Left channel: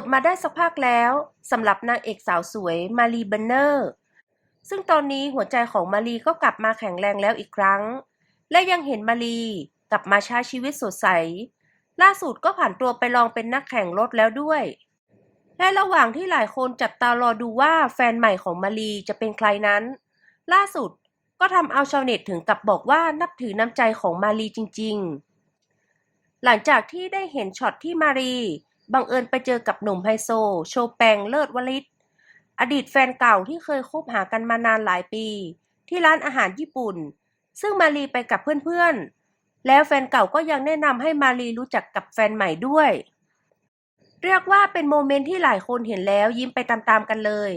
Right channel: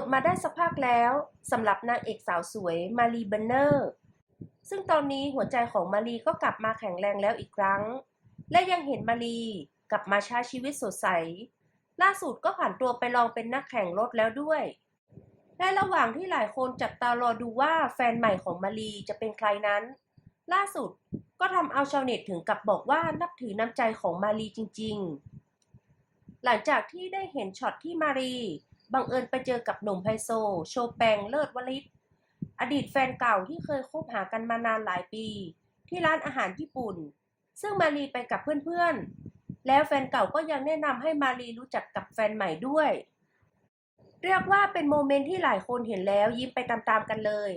ดมาได้สักพักแล้วสำหรับนางเอกสาวสวยมารีเบนเนอร์ ซึ่งตอนนี้หัวใจของมารีก็กลับมาแข็งแรงแล้วอีกครั้ง และยังเห็นมารีกลับมาใช้ชีวิตสดใส ล่าสุดก็ผ่านตัวไปลองเป็นนักแข่งรถแล้วด้วย และระหว่างที่หลายคนจับตารอดูว่าแฟนใหม่ของมารีจะเป็นใครนั้น ล่าสุดก็ทำเอาชาวเน็ตถึงกับบอกว่านับถือน้ำใจของมารีจริง ๆ หลังจากที่ได้เห็นช็อตที่มารี บังเอิญไปเจอกับหนุ่มไฮโซ โชแปงเลิศวลิต อดีตแฟนเก่าที่เคยคบหากันมานานหลายปี ที่ร้านอาหารญี่ปุ่น ซึ่งมารีไปกับเพื่อนๆ แล้วแฟนเก่าก็ยังแนะนำให้มารีรู้จักกับแฟนใหม่ด้วย เรียกว่าเป็นโมเมนต์ที่หลายคนเห็นแล้วยิ้มไปตามๆกันเลย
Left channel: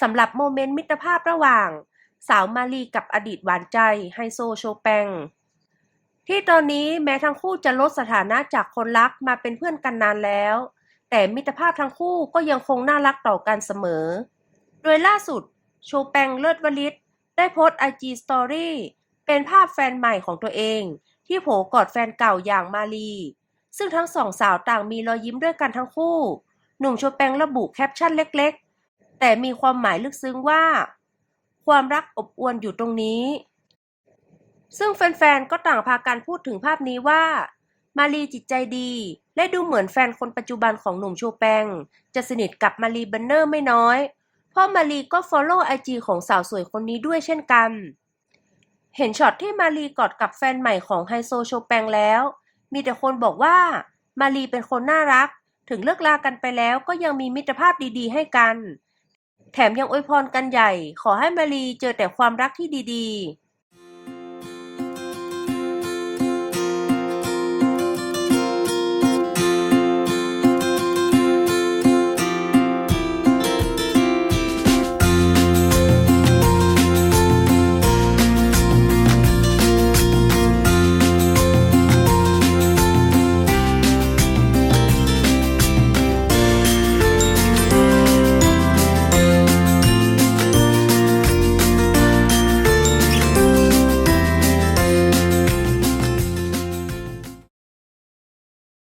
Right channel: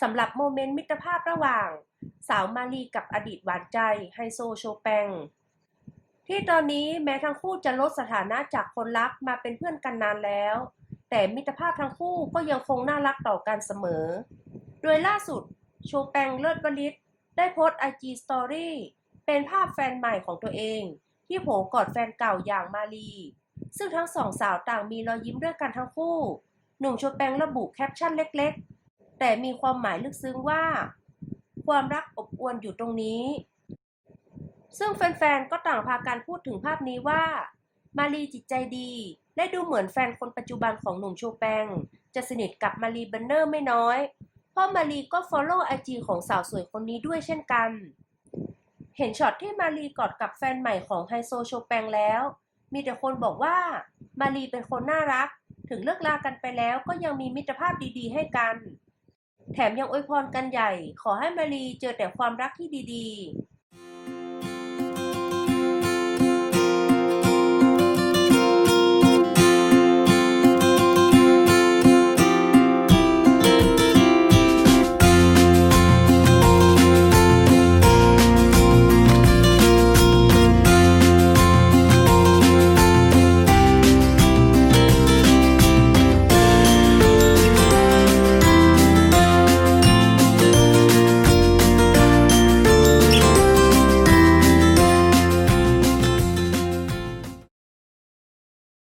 สำหรับโมเมนต์มิตรภาพระหว่าง สาวมารีกับอดีตหวานใจไฮโซโชแปง ที่ตอนนี้แม้ทั้งคู่จะลดสถานะจากคนรักมาเป็นเพื่อนกันนานแล้ว แต่มิตรภาพทั้งคู่ก็ยังคงน่ารักต่อกันเสมอ โดยล่าสุด โชแปงเลิศวลิต ได้โพสต์ IG Story เป็นภาพแฟนใหม่ของตัวเอง ที่โผกอดแฟนเก่าอย่างมาลี ซึ่งทั้งสองสาวต่างมีรอยยิ้มด้วยกันทั้งคู่ หนุ่มโชแปงระบุแคปชั่นเล็ก ๆ แต่มีความหมายลึกซึ้งว่า ความรักอบอวลอยู่ตรงนี้ ซึ่งแฟนๆ ก็ต่างพากันพูดถึงภาพนี้ว่า มารีจิตใจดี และดูเหมือนแฟนคนปัจจุบันของหนุ่มโชแปง จะสนิทกับมารีเบนเนอร์ไม่น้อย เพราะมารีก็ follow IG ของสาวสวยคนนี้ด้วยเช่นกัน เห็นช็อตที่มารีกอดกับแฟนใหม่ของไฮโซโชแปงแล้ว มีแต่คนบอกว่า มารีเป็นคนน่ารัก ถึงเลิกลากันไปแล้วก็ยังมีมิตรภาพดีๆ ให้กัน แถมยังอวยพรกันใหญ่ ขอให้มารีเจอแต่ความรักที่ดีๆ